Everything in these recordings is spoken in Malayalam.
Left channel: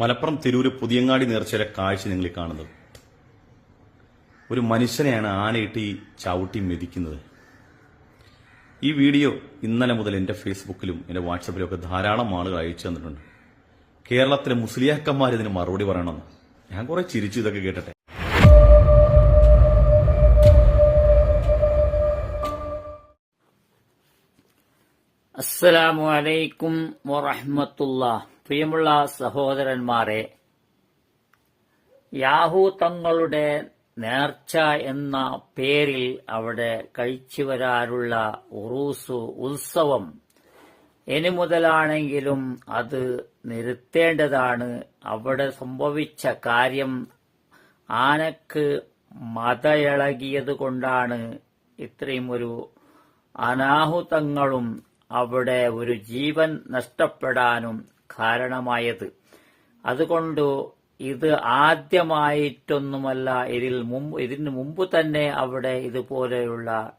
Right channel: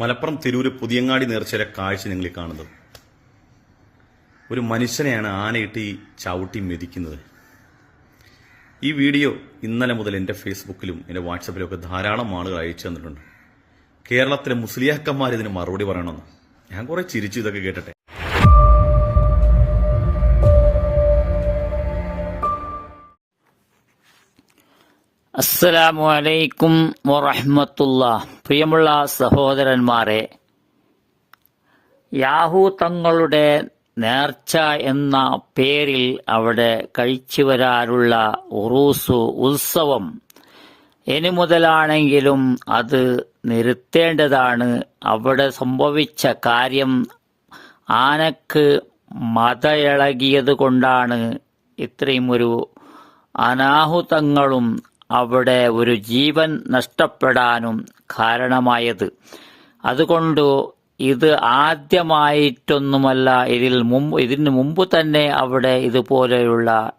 മലപ്പുറം തിരൂര് പുതിയങ്ങാടി നേർച്ചയുടെ കാഴ്ച നിങ്ങൾ കാണുന്നത്. ഒരു മനുഷ്യനെയാണ് ആനയിട്ട് ഈ ചവിട്ടി മെതിക്കുന്നത്. ഈ വീഡിയോ ഇന്നലെ മുതൽ എന്റെ ഫേസ്ബുക്കിലും എന്റെ വാട്സപ്പിലും ഒക്കെ ധാരാളം ആളുകൾ അയച്ചു തന്നിട്ടുണ്ട്. കേരളത്തിലെ മുസ്ലിയാക്കന്മാർ ഇതിന് മറുപടി പറയണമെന്ന്. ഞാൻ കുറെ ചിരിച്ചു ഇതൊക്കെ കേട്ടിട്ടെ. അസ്സലാമു അലൈക്കും വറഹ്മത്തുള്ള. പ്രിയമുള്ള സഹോദരന്മാരെ യാഹൂ തങ്ങളുടെ നേർച്ച എന്ന പേരിൽ അവിടെ കഴിച്ചു വരാറുള്ള ഉറൂസു ഉത്സവം. ഇനി മുതലാണെങ്കിലും അത് നിർത്തേണ്ടതാണ്. അവിടെ സംഭവിച്ച കാര്യം ആനക്ക് മതയിളകിയത് കൊണ്ടാണ്. ഇത്രയും ഒരു അനാഹുതങ്ങളും അവിടെ ഒരു ജീവൻ നഷ്ടപ്പെടാനും കാരണമായത്. അതുകൊണ്ട് ഇത് ആദ്യമായിട്ടൊന്നുമല്ല. ഇതിൽ മുമ്പ് ഇതിന് മുമ്പ് തന്നെ അവിടെ ഇതുപോലെയുള്ള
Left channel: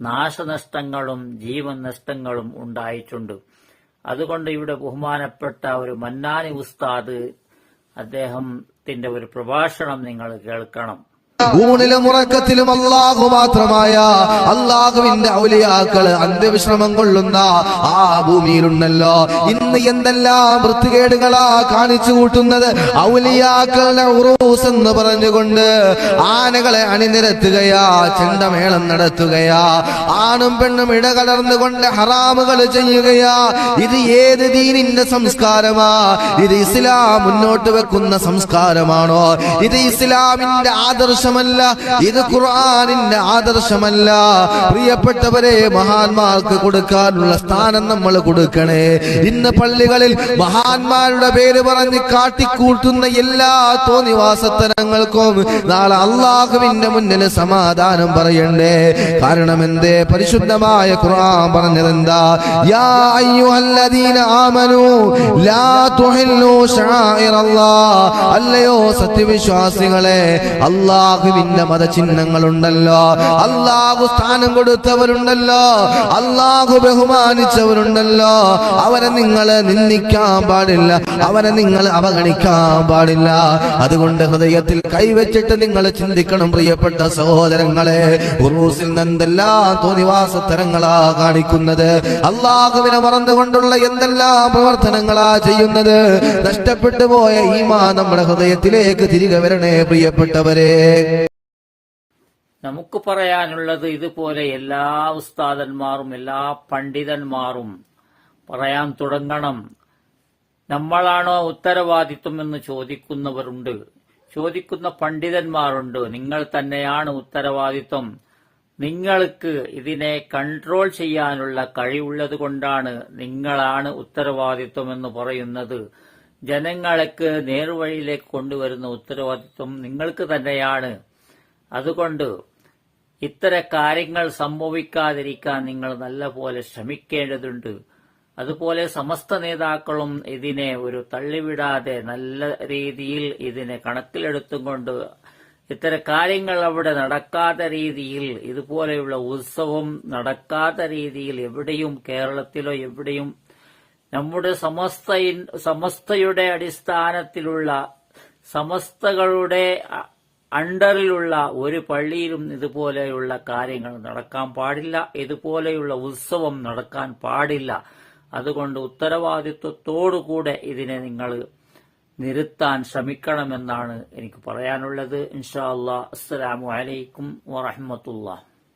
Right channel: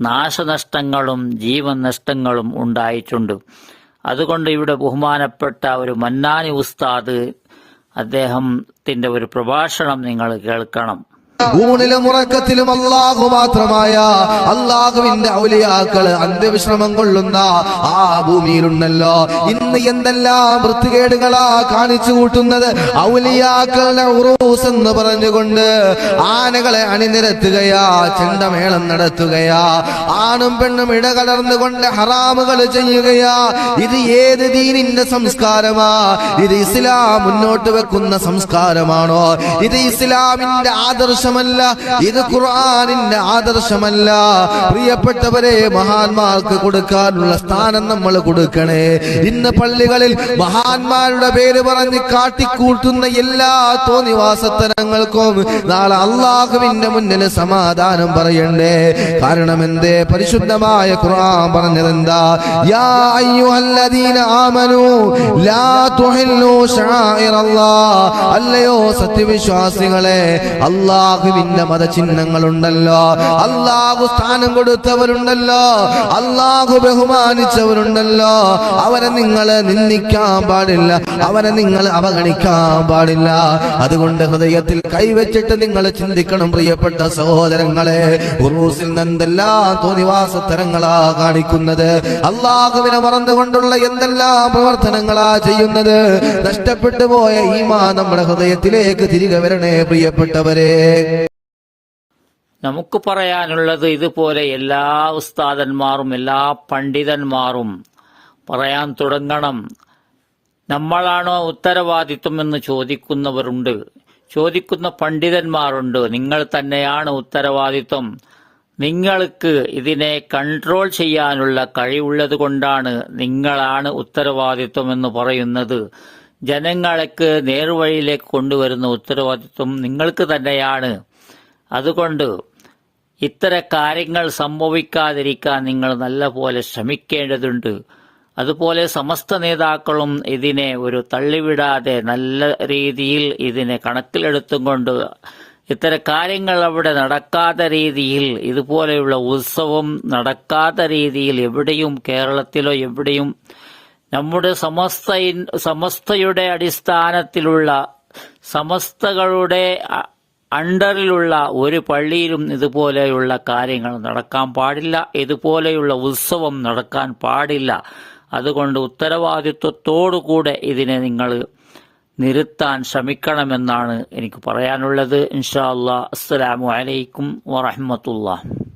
നാശനഷ്ടങ്ങളും ജീവൻ നഷ്ടങ്ങളും ഉണ്ടായിട്ടുണ്ട്. അതുകൊണ്ട് ഇവിടെ ബഹുമാനപ്പെട്ട ഒരു മന്നാനി ഉസ്താദ് അദ്ദേഹത്തിന്റെ ഒരു പ്രഭാഷണം നിങ്ങൾ കേൾക്കണം. ഊണിലും ഉറക്കത്തിലും അള്ളാഹു മാത്രമായ അള്ളാഹുവിന്റെ ഔലിയാക്കൾ അന്ത്യവിശ്രമം കൊള്ളുന്ന ആ ഭൂമിയിലുണ്ടല്ലോ. ഇന്ന് എന്തെല്ലാം വൃത്തികേടുകളാ കാണിച്ചു കൂട്ടുന്നത്? ഔലിയാക്കളുടെ ഉറൂസ് എന്ന് പറഞ്ഞുകൊണ്ട് ആനകളെ അണിനിരത്തുകയാ ചെണ്ടമേളം നടത്തുകയാ ആണും പെണ്ണും ഇടകലർന്നുകൊണ്ട് ഹറാമുകൾ ചെയ്യുകയാ. ഇത് ഏത് ദീനിന്റെ സംസ്കാരമാ? ഇത് ഇസ്ലാം മുന്നോട്ട് വെക്കുന്ന സംസ്കാരമാണോ? ഇത് ഇസ്ലാമിന്റെ ആദർശമല്ല ഇത് ഖുർആാനിന്റെ ആദർശമല്ല. പ്രിയപ്പെട്ടവരെ മഹാന്മാർക്ക് കൊടുക്കാനുള്ള സ്ഥാനം നമ്മൾ കൊടുക്കണേ. ഇന്ന് പള്ളികളിൽ മഹാന്മാരുടെ പേര് പറഞ്ഞ് കാട്ടിക്കൂട്ടുന്ന എല്ലാ തോന്നിവാസത്തനങ്ങൾക്കും നാളെ അള്ളാഹുവിന്റെ മുന്നിൽ സമാധാനം പറയണ്ടേ. കാരണം എന്തേ? പരിശുദ്ധമായ ഖുർആൻ പറഞ്ഞതെന്താ? യാ അയ്യുഹല്ലദീന ആമനു ലാ തുഹില്ലു ശആഇറല്ലാഹ് അല്ലയോ സത്യവിശ്വാസികളെ അള്ളാഹുവിന്റെ മതചിഹ്നങ്ങളുണ്ടല്ലോ. അള്ളാഹു സ്ഥാനം കൊടുത്തവരുണ്ടല്ലോ. അള്ളാഹു ബഹുമാനിച്ചവരുണ്ടല്ലോ. അവരെ നിങ്ങൾ നിന്ദിക്കാൻ പാടില്ല. അവരെ നിങ്ങൾ അവഗണിക്കാൻ പാടില്ല. അതുകൊണ്ട് ഹൃദയത്തിൽ കൈവച്ചിട്ട് നിങ്ങൾ ചിന്തിക്കണം പ്രിയപ്പെട്ട സഹോദരങ്ങളെ. ഉറൂസിൽ നിന്നെന്തെല്ലാം തോന്നിവാസത്തരങ്ങളാ കാണിക്കുന്നത്? അള്ളാഹുവിനെ മറന്നുകൊണ്ടുള്ള എന്തെല്ലാം പ്രവർത്തനങ്ങളാ ചെയ്യുന്നത്? നഷ്ടപ്പെട്ടു പോയ ഈമാ നമ്മുടെ ഹൃദയത്തിലേക്ക് തിരികെ വരണേ പ്രിയപ്പെട്ടവരെ. നമുക്ക് പറയാനുള്ളത് ഇതുപോലെ എല്ലാ ഉസ്താദന്മാരും എല്ലാ പണ്ഡിതന്മാരും പറയാൻ തുടങ്ങണം. നമ്മളാണോ ഉത്തരവാദിത്വം എന്ന് ചോദിക്കുന്നവരുണ്ട്. ചോദിക്കുന്ന പണ്ഡിതന്മാരുണ്ട്. നിങ്ങൾ തന്നെയാണ് ഉത്തരവാദിത്വം. നിങ്ങൾക്ക് ഇതിനെ കൺട്രോൾ ചെയ്യാനുള്ള കഴിവുള്ളത് കൊണ്ടാണ് നിങ്ങളാണ് ഉത്തരവാദിത്വം എന്ന് പറയുന്നത്. ജനങ്ങൾക്ക് നേർവഴിയിലേക്ക് കൊണ്ടുവരുന്ന ഉത്തരവാദിത്വം നിങ്ങൾക്ക് തന്നെയാണ്. അതുകൊണ്ട് ഇത്തരം കാര്യങ്ങൾ സംഭവിക്കാതിരിക്കാൻ നിങ്ങൾ നല്ലപോലെ ശ്രമിക്കേണ്ടതുണ്ട്. അതുപോലെ സമസ്ത നേതാക്കളും ഇതിനെ ഒരു തള്ളിവിടാതെ നല്ല രീതിയിൽ ഇതിനെ കണക്കിലെടുത്തും കൊണ്ട് ഇത്തരം കാര്യങ്ങൾ അവിടെ നടക്കാത്ത രീതിയിൽ ഇതുപോലെയുള്ള ഉത്സവം നടക്കാത്ത രീതിയിൽ എവിടെയും കേരളത്തിലോ എവിടെയും നമ്മുടെ സമസ്ത സമസ്തയുടെ അടിസ്ഥാനത്തിലുള്ള സമസ്തകളുടെ അണ്ടറിലുള്ള ഒരു പള്ളിയിലും ഇതുപോലെയുള്ള കാര്യങ്ങൾ നടക്കാൻ പാടില്ല. ഇതുപോലെയുള്ള ഉത്സവം നടക്കാൻ പാടില്ല. അതുകൊണ്ട് ഉത്തരവാദിത്വത്തോടുകൂടെ ഇതിനെ നിങ്ങൾ നിർത്താൻ ശ്രമിക്കണമെന്നാണ് എനിക്ക് പറയാനുള്ളത്. ഇൻഷാ അല്ലാ അസ്സലാമു അലൈക്കും വറഹ്മത്തുള്ളാഹി.